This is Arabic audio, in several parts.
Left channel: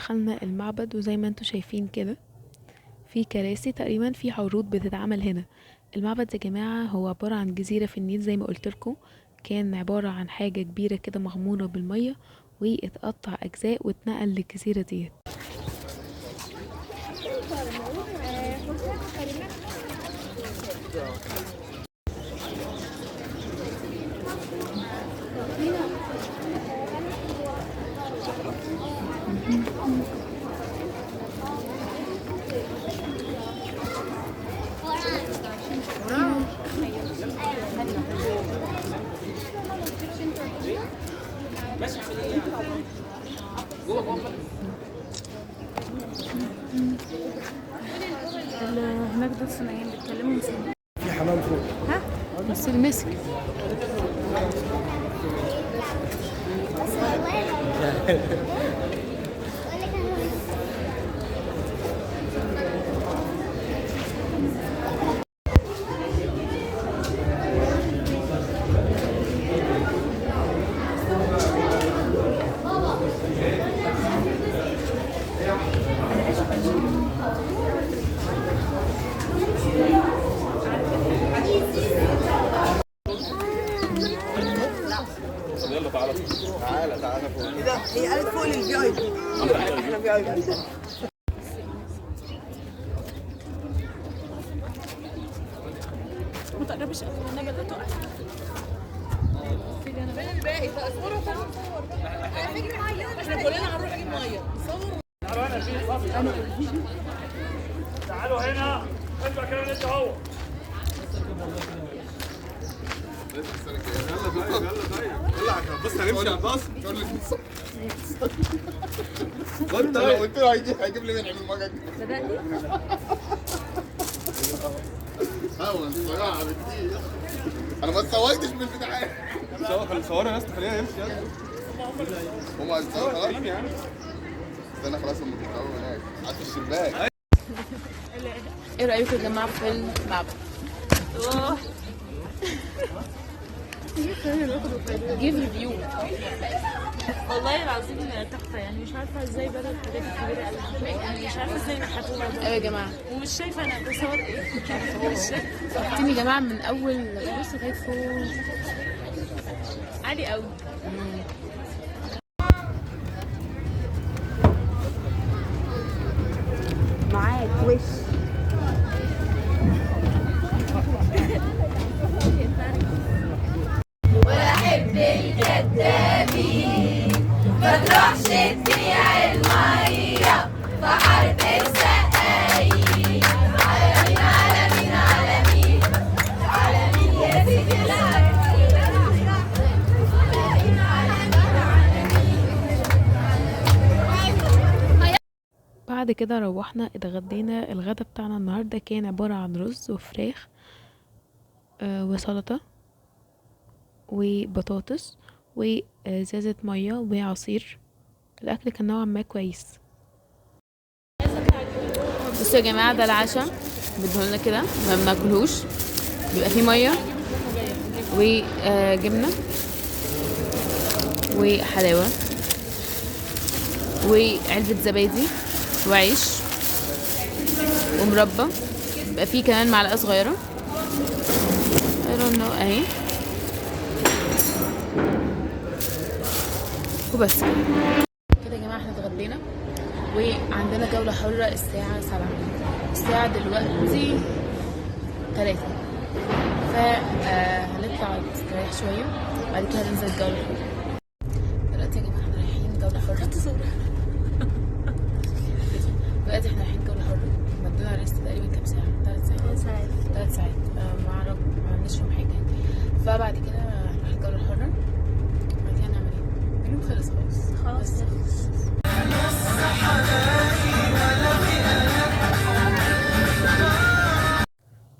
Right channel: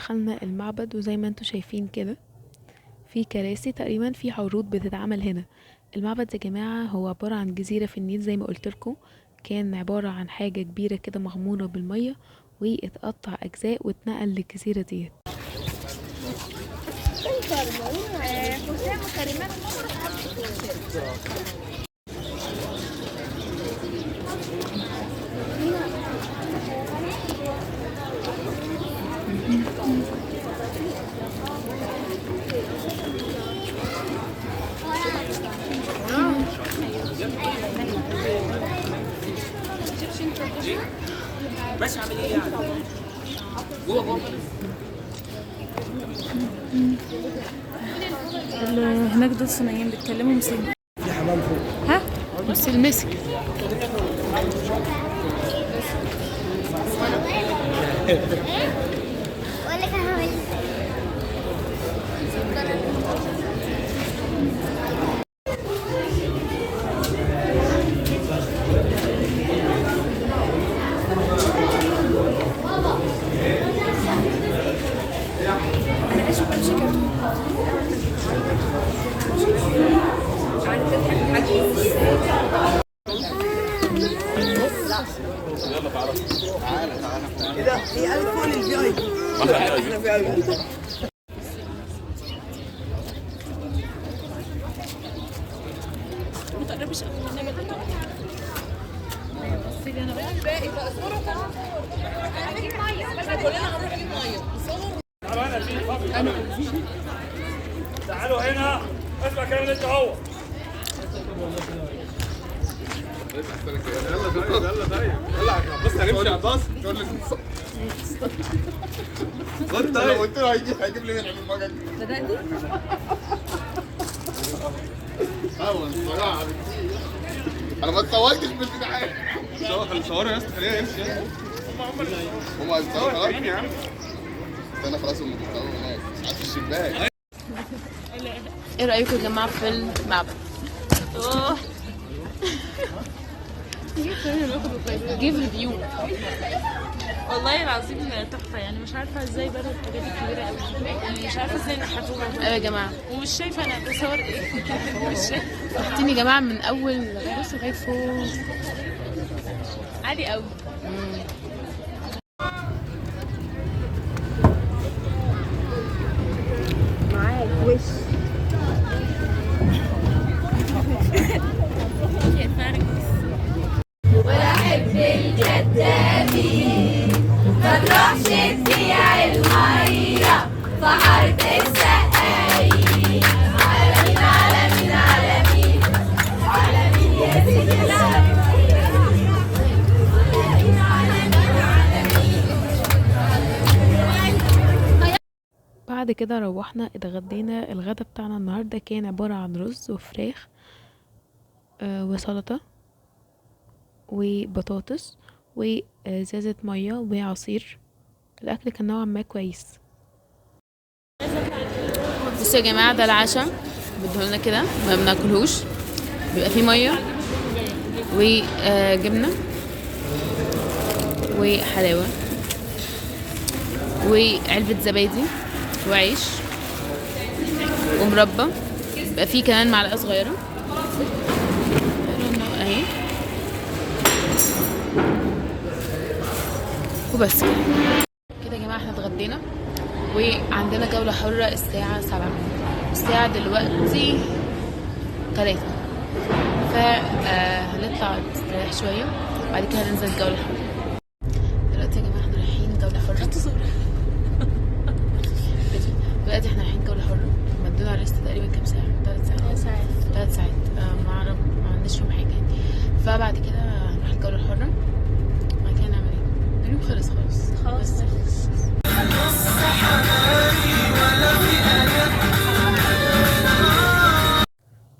دخلنا المعبد، وزي ما انتوا شايفين كده في كراسي، تقريبا في عروض بتتعمل هنا. المعبد يا جماعة هو عبارة عن جزيرة في النيل زي ما قلت لكم. كان عبارة عن حاجة كبيرة كده مغمورة بالمية، واتقطع أجزاء واتنقل للجزيرة ديت. هناك دول صينيين بيتكلموا مسلم. في حمام فوق. ها؟ مسك كده هي 1000 فوق للفي اي بي. احنا في اي بي. ما تقربش انا بدات باقي بقى صورة احنا كلنا هنروح نجيب ميه. تعالوا هنا المكان اللي انت هو. يلا بص هنمشي على الباص قلت له هيجيب لي من المجد. بدأتي؟ انا ما اتصورتش بالبداية. صورها يا اسطى خلينا نمشي. هم هيتصوروا خلاص يا عم. انا خلاص اللي بتصور في الشباك. ايه رأيكم يا جماعة في المعبد؟ اوه جيب ريفيو. والله العظيم تحفة، يعني مش عارفة ازاي بنوا الحاجات الكبيرة قوي، يعني مش عارفة ازاي نحتوها. ايوه يا جماعة، ومش شايفة انا بصور ايه. مش شايفة. واخدين يا جماعة من اول بصوا لغاية فوق عالي قوي. معاك وش واحب الكدابين ما تروحش تبيع المية في حرب السقايين. على مين على مين على مين على مين يا سيدي على مين على مين. بعد كده روحنا اتغدينا. الغدا بتاعنا النهاردة كان عبارة عن رز وفراخ وسلطة وبطاطس وزازة مية وعصير. الأكل كان نوعا ما كويس. بصوا يا جماعة، ده العشاء بدهولنا كده، ما بناكلهوش. بيبقى فيه مية وجبنة وحلاوة وعلبة زبادي وعيش ومربى. بيبقى فيه كمان معلقة صغيرة اهي، وبس كده. كده يا جماعة احنا اتغدينا وعندنا جولة حرة الساعة 7. الساعة دلوقتي 3، فهنطلع نريح شوية بعد كده هننزل الجولة الحرة. دلوقتي يا جماعة احنا رايحين جولة حرة. دلوقتي احنا رايحين جولة حرة. مدونا على لسه تقريبا كام ساعة؟ 3 ساعات. ما عملناش فيهم حاجة يعني. فبعد كده هنروح الجولة الحرة. بعد كده نعمل ايه؟ اليوم خلص خلاص.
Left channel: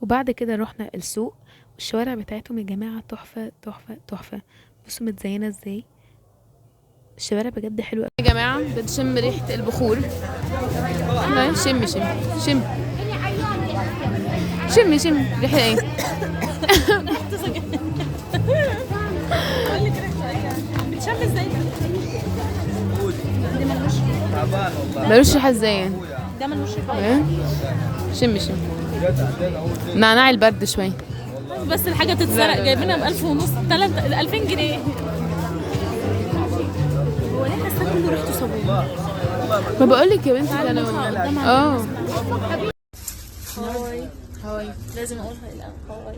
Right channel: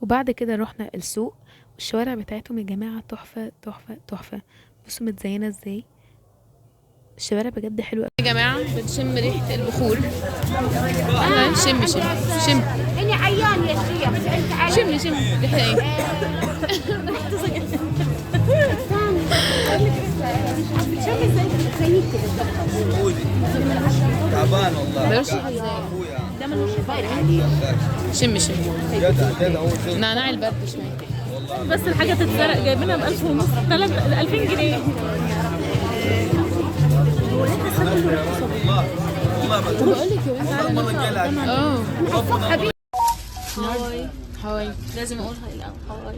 وبعد كده رحنا السوق، والشوارع بتاعتهم يا جماعة تحفة تحفة تحفة. بصوا متزينة ازاي. الشوارع بجد حلوة يا جماعة بنشم ريحة البخور. احنا شم ريحة ايه؟ تعبان ملوش ريحه ازاي يعني؟ ده ملوش ريحة. شم نعناع البرد شويه. بس الحاجة تتسرق جايبينها ب1500 2000 جنيه. هو ليه حاسة كل ريحته صابون؟ طب بقول لك يا بنتي انا هاي لازم اقولها الاول. هاي.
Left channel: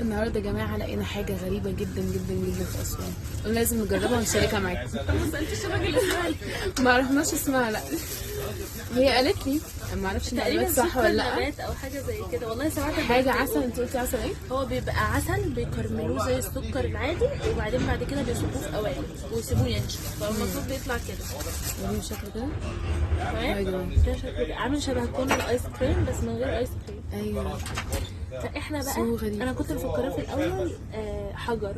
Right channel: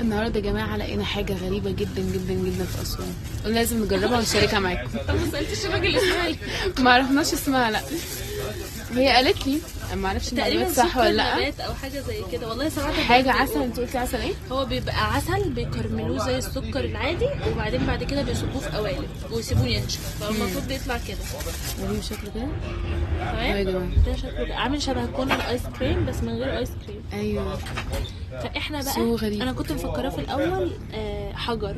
النهارده يا جماعه لقينا حاجه غريبه جدا جدا جدا في اسوان، قلنا لازم نجربها ونشاركها معاكم. طب ما سالتش الراجل اسمها ايه؟ ما عرفناش اسمها. لا هي قالت لي، ما اعرفش المعلومات صح ولا لا. نبات او حاجه زي كده، والله سمعت حاجه عسل. انت قلتي عسل ايه؟ هو بيبقى عسل بيكرملوه زي السكر العادي، وبعدين بعد كده بيصبوه في قوالب ويسيبوه ينشف، فالمفروض بيطلع كده. وريني شكله كده. تمام. يا جماعه ده شكله عامل شبه كون الايس كريم بس من غير ايس كريم. ايوه. فاحنا بقى سو غريب. انا كنت مفكراه في الاول حجر.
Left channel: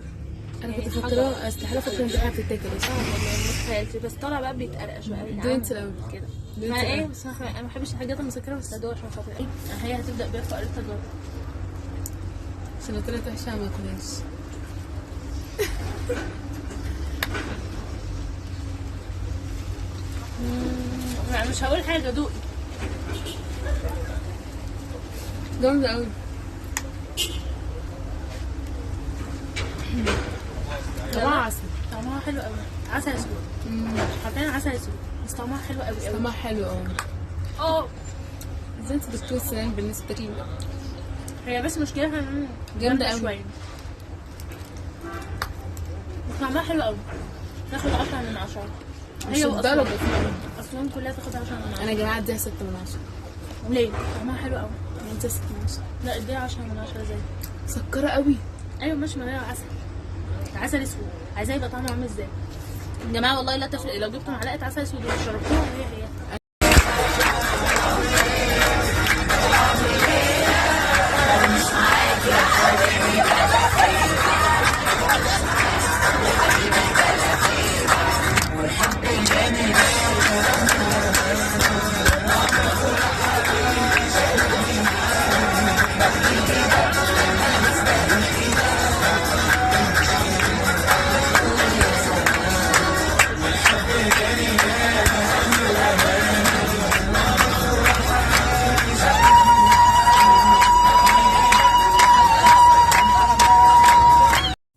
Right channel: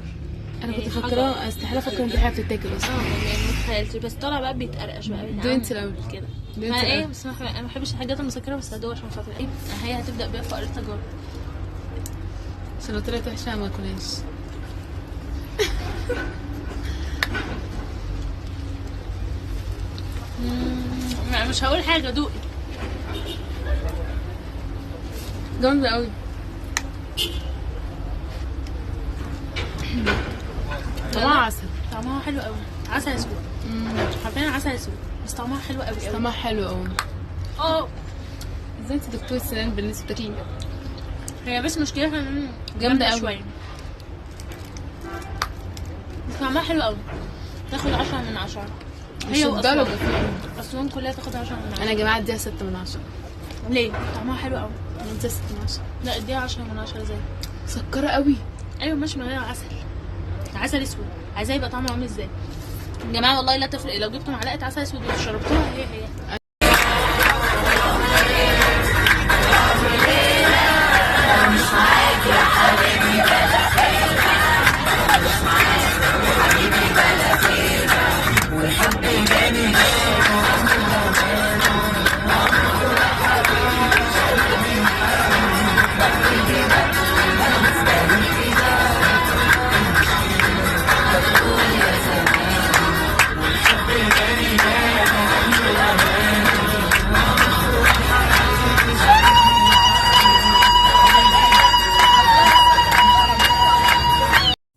انا كنت يعني فاكراه، استحاله افكر ان دي حاجه بتتاكل اصلا. يعني متخيلتي، بس طلع بقى بيتقرقش بقى دوقي الاول كده. دوقي ما ايه الأول. بس انا ما بحبش الحاجات المسكره، بس ادوق عشان خاطر ايه هي هتبدا بيها فقر التجارب. عشان لو طلعت وحشه ما اكلهاش. مش هقول حاجه، دوقي. جامده قوي. طعمها عسل. طعمها حلو قوي، عسل اسود. حرفيا عسل اسود، بس طعمها حلو قوي قوي. طعمها حلو قوي. ازاي انت دكتور سنان بالنسبه بتاكلي؟ هي بس مشكلتها جامده قوي شويه، بس طعمها حلو قوي. تاخد 10 من 10. هي الدرجه أسوان كلها تاخد 10 من 10. انا يا جماعه اديها 6 من 10. ليه؟ طعمها حلو قوي. انا اديها 6 من 10. لا اديها 10 من 10 زي مسكره قوي. ايوه ماشي، ما هي عسل، عسل اسود. عايزاه يبقى طعمه عامل ازاي يا جماعه؟ والله لا تفرق لو جبتوا معلقه عسل اسود وشربتوها، هي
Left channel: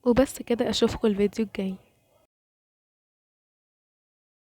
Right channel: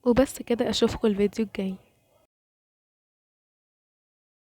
وبس كده، اشوفكم الفيديو الجاي.